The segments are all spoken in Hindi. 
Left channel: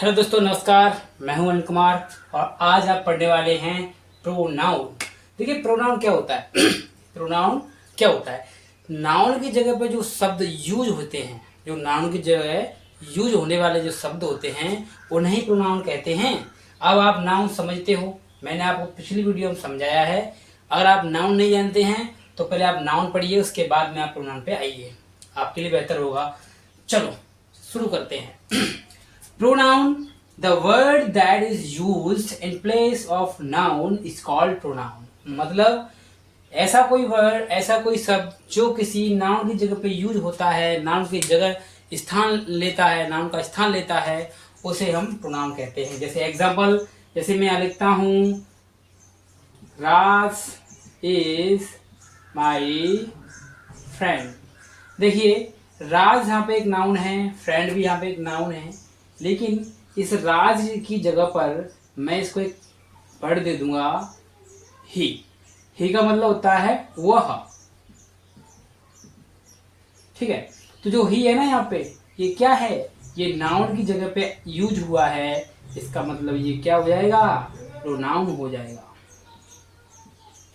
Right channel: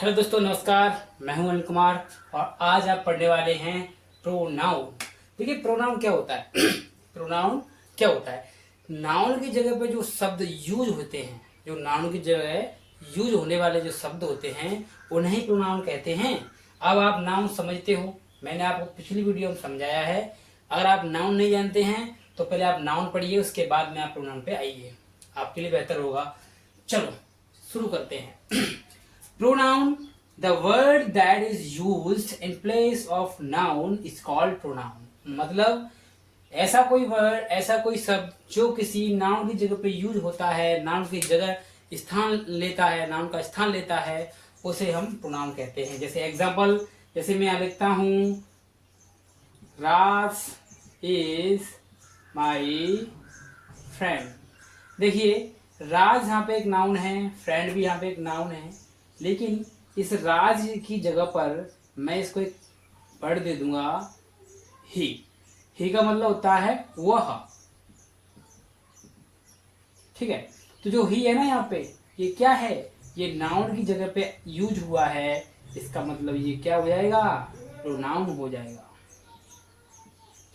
हेलो दोस्तों, नमस्कार। मैं हूं अनिल कुमार और आज आप पढ़ने वाले हैं प्रोनाउन। देखिए, प्रोनाउन क्या होता है? प्रोनाउन क्या होता है? नाउन की जगह पे जो शब्द यूज होते हैं, जो नाउन की जगह यूज होने वाले जो शब्द होते हैं, उन्हें प्रोनाउन कहते हैं। अब आप नाउन समझते हो, मैंने आपको पिछली वीडियो में समझाया है। अगर आप नाउन नहीं जानते हैं तो पहले आप नाउन पढ़िए, उसके बाद में आप प्रोनाउन पे आइए, आपके लिए बेहतर होगा। चलो शुरू करते हैं। Pronoun, the word that is used in place of noun is called pronoun। मतलब ऐसा कोई वर्ड, ऐसा कोई शब्द जो किसी नाउन की जगह पे यूज होता है, नाउन की जगह स्थान लेता है, नाउन का स्थान लेता है, उसे हम प्रोनाउन कहते हैं। जैसे एग्जांपल, जैसे मैं यहाँ लिखता हूँ, राज इज माई फ्रेंड। देखिए, राज यहाँ पे एक नाउन है, फ्रेंड भी यहाँ पे एक नाउन है, लेकिन इस राज की जगह पर मैं इसको एक वर्ड दे दूंगा, ही। ही का मतलब होता है वह, ठीक है। तो जो ही है ना यहाँ पे, ये क्या है? ये नाउन की जगह पे यूज हुआ है, इसका मतलब ये क्या हो जाएगा? प्रोनाउन हो जाएगा,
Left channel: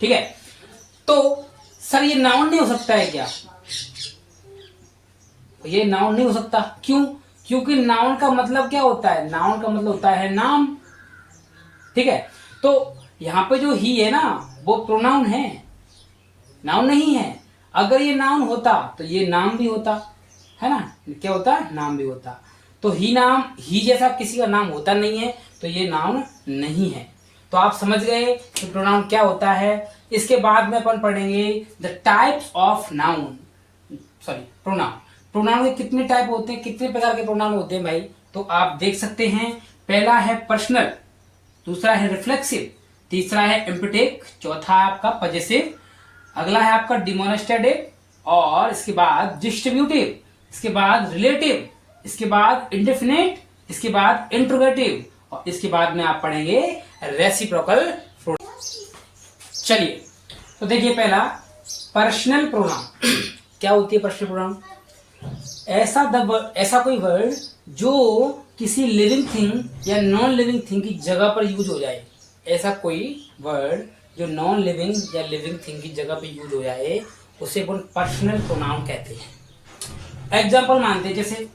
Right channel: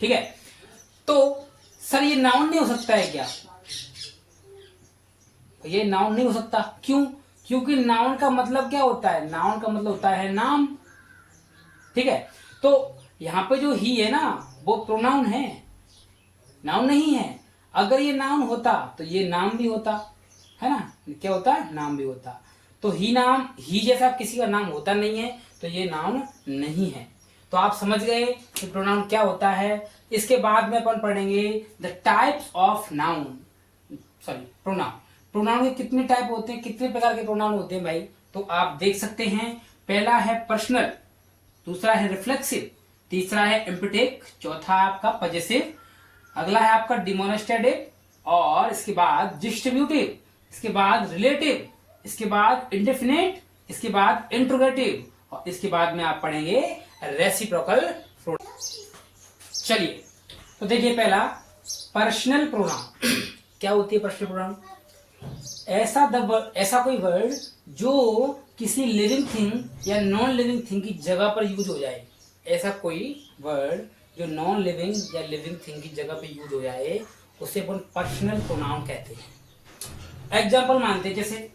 ठीक है। तो सर ये नाउन नहीं हो सकता है क्या? ये नाउन नहीं हो सकता, क्यों? क्योंकि नाउन का मतलब क्या होता है? नाउन का मतलब होता है नाम, ठीक है। तो यहाँ पे जो ही है ना, वो प्रोनाउन है, नाउन नहीं है। अगर ये नाउन होता तो ये नाम भी होता, है ना? क्या होता? नाम भी होता। तो ही नाम, ही जैसा किसी का नाम होता नहीं है, तो ये नाउन नहीं है। तो आप समझ गए कि प्रोनाउन क्या होता है। इसके बाद में अपन पढ़ेंगे the types of noun, sorry pronoun. Pronoun के कितने टाइप होते हैं, कितने प्रकार के प्रोनाउन होते हैं भाई? तो आप देख सकते हैं। पहला है पर्सनल, दूसरा है रिफ्लेक्सिव, तीसरा है एम्पैथिक, चौथा है आपका पजेसिव, अगला है आपका डिमोन्स्ट्रेटिव, और इसके बाद डिस्ट्रीब्यूटिव, इसके बाद रिलेटिव, इसके बाद इंडेफिनिट, इसके बाद इंट्रोगेटिव, और इसके बाद में आप पढ़ेंगे रेसिप्रोकल प्रोनाउन। चलिए, तो देखिए पहला पर्सनल प्रोनाउन। क्या होती है पर्सनल प्रोनाउन? ऐसा कोई वर्ड जो किसी लिविंग थिंग या नॉन लिविंग थिंग की जगह पर यूज हो जाए। ऐसा कोई वर्ड जो नॉन लिविंग या लिविंग थिंग की जगह पर यूज हो जाए, उसे अपन पर्सनल प्रोनाउन कहते हैं। एग्जांपल मानते हैं, जैसे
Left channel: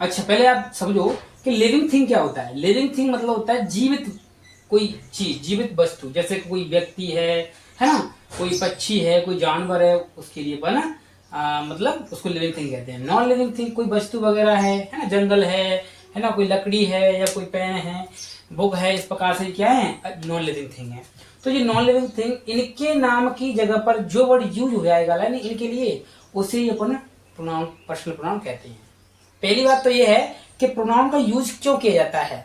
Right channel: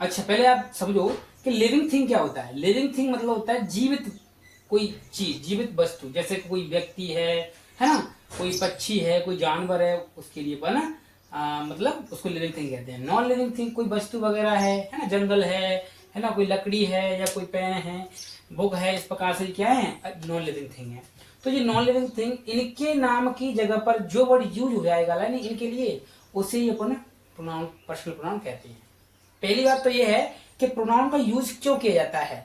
अच्छा पहले आप समझो कि लिविंग थिंग क्या होता है। लिविंग थिंग मतलब होता है जीवित कोई चीज, जीवित वस्तु। जैसे कोई व्यक्ति है ना, कोई पक्षी है, कोई जानवर है, उसके लिए बना मतलब उसको लिविंग थिंग कहते हैं। नॉन लिविंग थिंग कोई वस्तु वगैरह है ना, जंगल है ना, कोई लकड़ी है या कोई पेन है, बुक है, इस प्रकार से क्या है? नॉन लिविंग थिंग है। तो ये नॉन लिविंग थिंग, इनके नाम की जगह पर जो वर्ड यूज हो जाएगा ना इनके लिए, उसे ही अपन प्रोनाउन, पर्सनल प्रोनाउन कहते हैं। पहली बात तो ये है कि प्रोनाउन का यूज क्यों किया जाता है।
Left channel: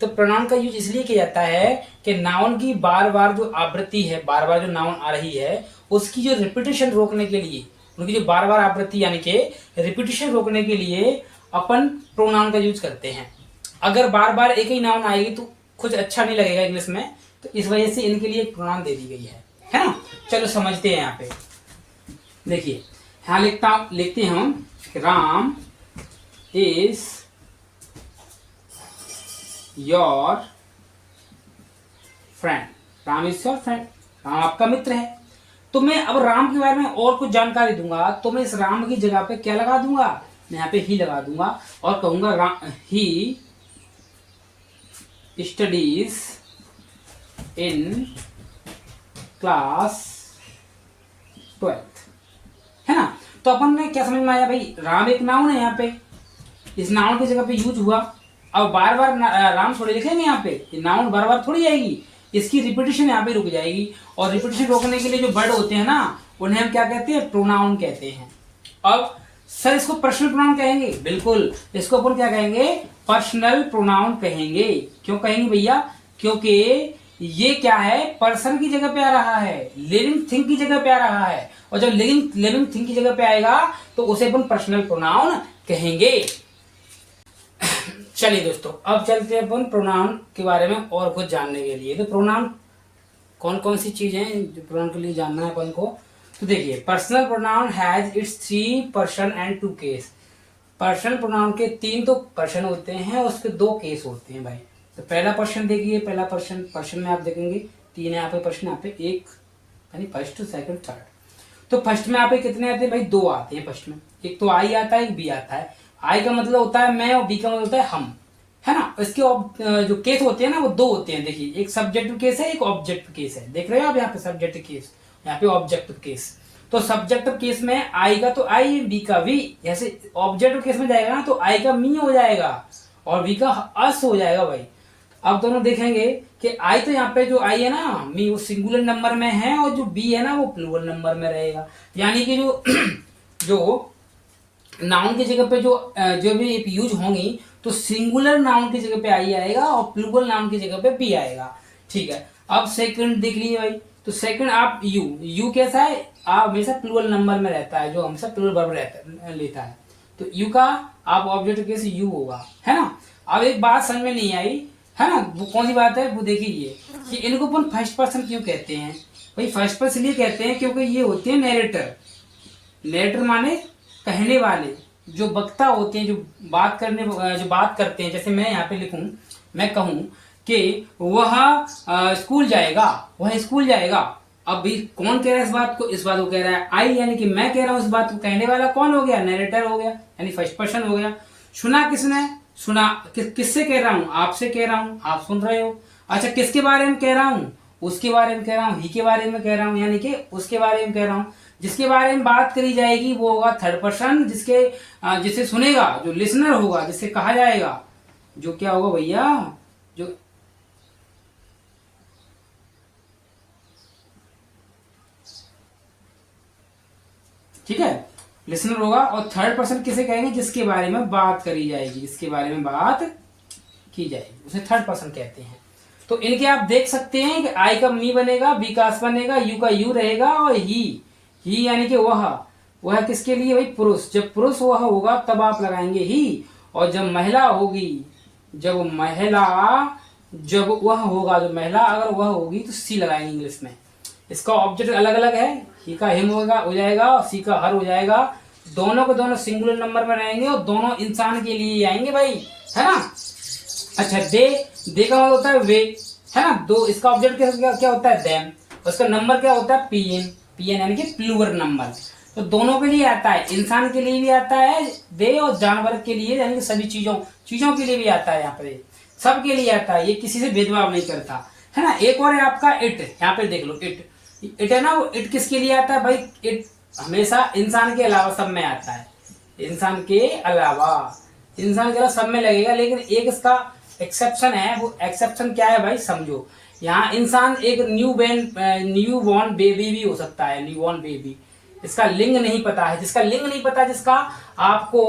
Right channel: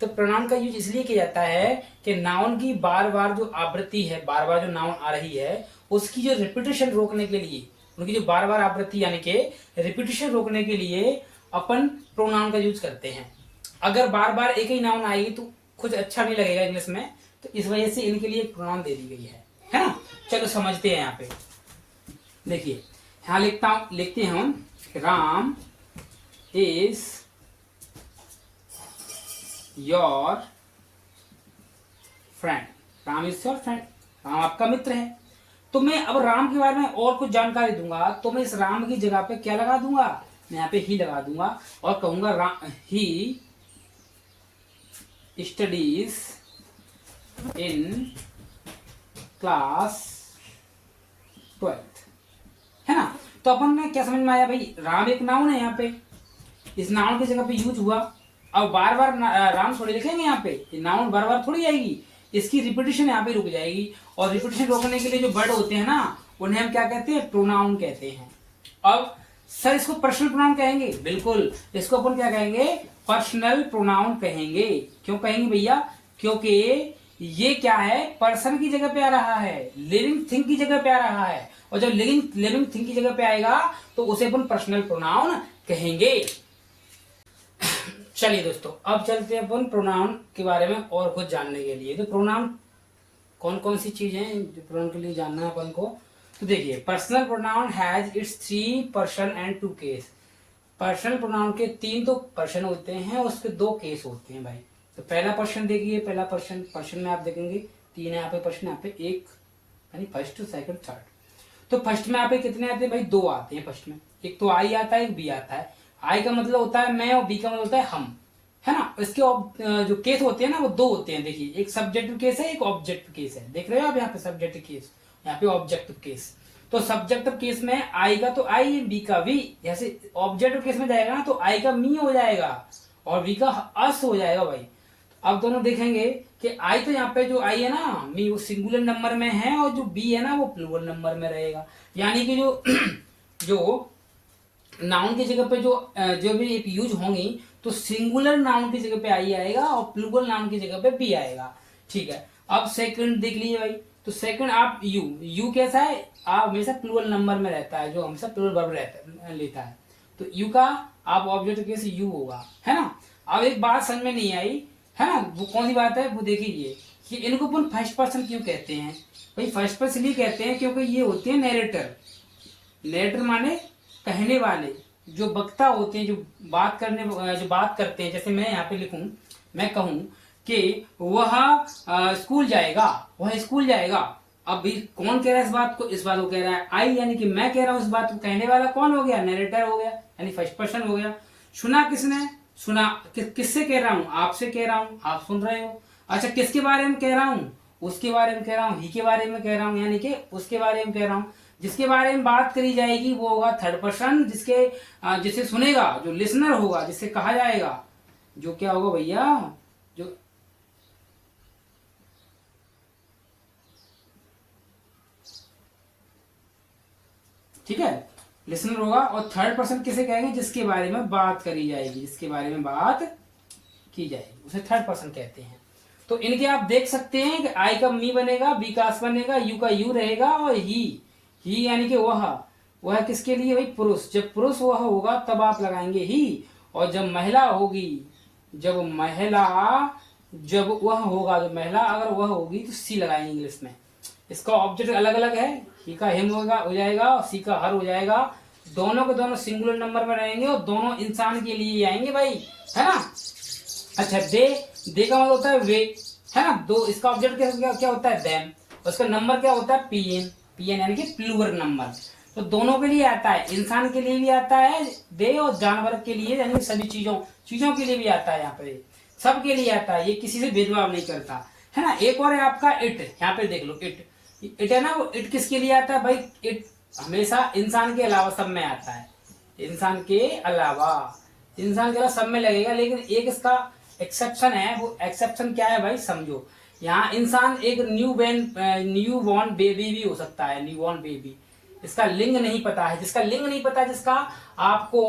तो प्रोनाउन का यूज इसलिए किया जाता है कि नाउन की बार बार जो आवृत्ति है, बार बार जो नाउन आ रही है, उसकी जो रिपीटेशन रोकने के लिए, उनकी जो बार बार आवृत्ति यानी कि रिपीटेशन रोकने के लिए अपन प्रोनाउन का यूज करते हैं। अगर बार बार एक ही नाउन आएगी तो कुछ अच्छा नहीं लगेगा इंग्लिश में, तो इस वजह से इनके लिए प्रोनाउन दे दी गई है ना। चलो समझते हैं। यहाँ पे देखिए, यहाँ लिखते हैं हम, Ram is your friend. Ram is your friend, Ram आपका मित्र है। तो मैं अब राम के बारे में और कुछ जानकारी दूंगा, तो मैं इस राम की जगह पे क्या लगा दूंगा? मैं यहाँ पे ही लगा दूंगा और कहूंगा he studies in class 12th, है ना। तो अपन ने क्या समझ में आया भाई? राम एक नाउन है, यहाँ पे इस नाउन की जगह पे यूज हुआ। अब बार बार राम थोड़ी लिखेंगे यहाँ पे, ये नाउन बार बार थोड़ी आएगी, इसकी रिपीटेशन यहाँ पे रुक जाएगी। और रिपीटेशन रोकने के लिए जो वर्ड होते हैं ना, उन्हें हम क्या कहते हैं? प्रोनाउन कहते हैं। अब सर इसको पर्सनल प्रोनाउन कहेंगे? बिल्कुल, इसको अपन क्या कहेंगे? पर्सनल प्रोनाउन कहेंगे। क्यों कहेंगे भैया? क्योंकि ये क्या है? पर्सन की जगह पे आ रहा है, लिविंग थिंग की जगह पे आ रहा है, और जब लिविंग थिंग की जगह पे आएगा तो उसे अपन पर्सनल प्रोनाउन कहेंगे। चलिए दोस्तों, अब चलते हैं अपन प्रोनाउन के बारे में और कुछ जानने के लिए। तो प्रोनाउन कौन कौन सी चीजें हैं जो प्रोनाउन के लिए जानना है अपन को? तो देखिए, personal pronoun has its 3 person and 2 case. Personal pronoun के 3 तो पर्सन होते हैं, उसके 2 केस होते हैं भाई। तो पहला पर्सन देखिए, पहला पर्सन में आप देखेंगे 3 यहाँ पे पर्सन, यहाँ पे 1 यानी फर्स्ट सेकंड थर्ड। तो फर्स्ट में यहाँ पे कितने आते हैं भाई? 2 आते हैं फर्स्ट में। एक तो आई आता है, एक बी आता है। आई का मतलब होता है मैं और बी का मतलब होता है हम, है ना। इसके जो केस होते हैं ना वो 2 होते हैं। देखिए एक सब्जेक्टिव केस है, एक ऑब्जेक्टिव केस है। देख रहे हो आप यहाँ पे सब्जेक्टिव केस, यहाँ पे ऑब्जेक्टिव केस। तो सब्जेक्टिव केस में आई का तो आई, बी का वी। जैसे ऑब्जेक्टिव केस में जाएगा ना तो आई का मी हो जाएगा और बी का अस हो जाएगा भाई। अब दोनों देखेंगे कि आई तो यहाँ पे जो आई है ना मी वो सिंगुलर नंबर में है और जो बी है ना वो प्लूरल नंबर में रहेगा। यानी कि जो जो नाउन की जगह पे जो भी यूज होंगी तो सिंगुलर नाउन की जगह पे आई आएगा और प्लूरल नाउन की जगह पे बी आएगा। ठीक है, अब सेकंड देख लीजिए भाई। तो सेकंड आप यू कैसा है? आप हमेशा प्लूरल नंबर में रहता है, जो हमेशा प्लूरल वर्ब लेता है। तो यू का आप ऑब्जेक्ट केस यू होगा, है ना। अब एक बात समझ में नहीं आई, है ना, वो कौन सी बात है वो देखिए कि इनको अपन फर्स्ट पर्सन क्यों कहते हैं भाई? फर्स्ट पर्सन इसलिए कहते हैं क्योंकि ये होते हैं नैरेटर। नैरेटर माने कहने वाले, जो वक्ता होते हैं, जो बात करते हैं। जैसे मैं यहाँ पे लिखूं, मैं कहूं कि वह स्कूल जाएगा, वह स्कूल जाएगा। अब भी कौन कह रहा है इस बात को? इस बात को कह रहा है आई, यानी कि मैं कह रहा हूं इस बात को। कहने वाला कौन हो गया? नैरेटर हो गया, यानी फर्स्ट पर्सन हो गया। सुना किसने? सुना किससे कह रहा हूं? आपसे कह रहा हूं, आप सुन रहे हो। अच्छा किसके बारे में कह रहा हूं? उसके बारे में कह रहा हूं, ही के बारे में कह रहा हूं, यानी कि उसके बारे में कह रहा हूं। जिसके बारे में बात करी जाएगी वो होगा थर्ड पर्सन, जिसे सुनेगा, जो लिसनर होगा, जिसे कहा जाएगा, जो क्या होगा भैया, जो ठीक है, लिसनर होगा। और थर्ड पर्सन किसे कहेंगे? जिसके बारे में बात करी जाएगी, जिसके बारे में बात की जाएगी, उसे थर्ड पर्सन कहते हैं। तो इनके आप देख सकते हैं कि आई का मी बनेगा, बी का अस बनेगा, यू का यू रहेगा और ही यानी कि वह किसके लिए भाई? पुरुष। जब पुरुष वह होगा तब आप लगाएंगे ही, और जब महिला होगी, जब वह होगा, जो महिला अगर वह होगी तो सी लगाएंगे इंग्लिश में। इसका ऑब्जेक्ट अलग अलग है, ही का हिम हो जाएगा और सी का हर हो जाएगा। दोनों के दोनों सिंगुलर नंबर में रहेंगे और दोनों इंसान के लिए आएंगे भाई, है ना। अच्छा दे का मतलब होता है वे, है ना। दो इसका ऑब्जेक्ट क्या होता है? देम। उसका नंबर क्या होता है? पीएन यानी कि प्लूरल नंबर। तो दोनों के लिए आता है, इंसान के लिए भी आता है दे और जानवर के लिए यानी सभी चीजों के लिए भी आता है। यहाँ पे सबके लिए आता है, ये किसी से भेदभाव नहीं करता, है ना। एक और है आपका इट, यहाँ पे देख लो इट है ना। वो इट किसके लिए आता है भाई? इट हमेशा इंसान के अलावा सब में आता है, इंसान के अलावा सब में लगेगा। लेकिन एक इसका एक्सेप्शन है, वो एक्सेप्शन क्या है भाई? समझो, यहाँ इंसान एक न्यू बॉर्न बेबी भी हो सकता है, न्यू बॉर्न बेबी। इसका लिंग नहीं पता है, जिसका लिंग नहीं पता, जिसका आपको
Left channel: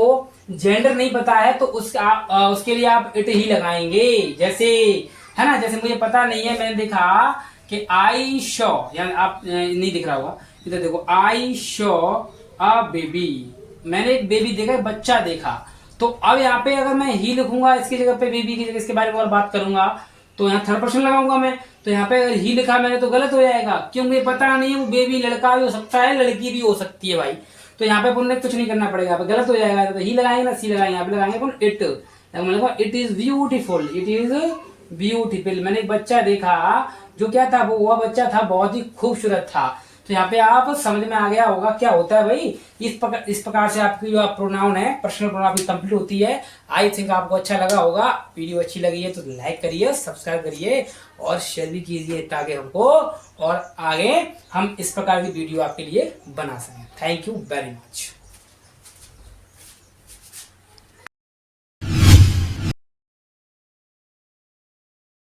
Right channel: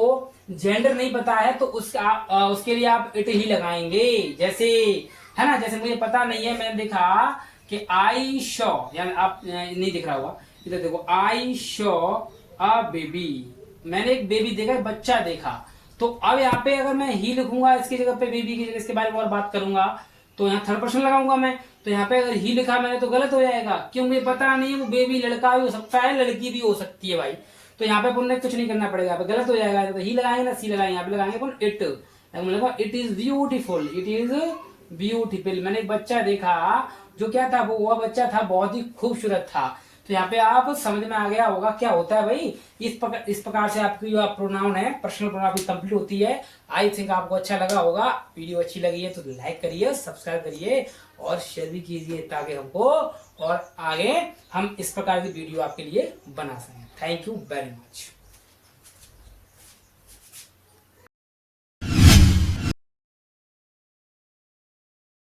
जेंडर नहीं पता है, तो उसके लिए आप इट ही लगाएंगे। जैसे है ना, जैसे मुझे पता नहीं है, मैंने देखा कि आई शॉ, यानी आप नहीं दिख रहा होगा, इधर देखो, आई शॉ अ बेबी, मैंने एक बेबी देखा, एक बच्चा देखा। तो अब यहाँ पे अगर मैं ही लिखूंगा इसकी जगह पे, बेबी की जगह इसके बारे में और बात करूंगा, तो यहाँ थर्ड पर्सन लगाऊंगा मैं। तो यहाँ पे अगर ही लिखा मैंने तो गलत हो जाएगा, क्यों? मुझे पता नहीं है, वो बेबी लड़का भी हो सकता है, लड़की भी हो सकती है भाई। तो यहाँ पे अपन ने कुछ नहीं करना पड़ेगा, गलत हो जाएगा। तो ही लगाएंगे ना सी लगाएंगे, यहाँ पे लगाएंगे अपन it. It is beautiful, it is beautiful. मैंने एक बच्चा देखा, जो क्या था, वो बच्चा था बहुत ही खूबसूरत था। तो यहाँ पे आप समझ में आ गया होगा क्या होता है भाई। इस प्रकार से आपकी जो प्रोनाउन है, पर्सनल प्रोनाउन आपकी कंप्लीट होती है। आई थिंक आपको अच्छा लगा होगा। वीडियो अच्छी लगी है तो लाइक करिए, सब्सक्राइब करिए और शेयर भी कीजिए, ताकि हमको और आगे हम इस प्रकार की वीडियो आपके लिए बना सकें। Thank you very much.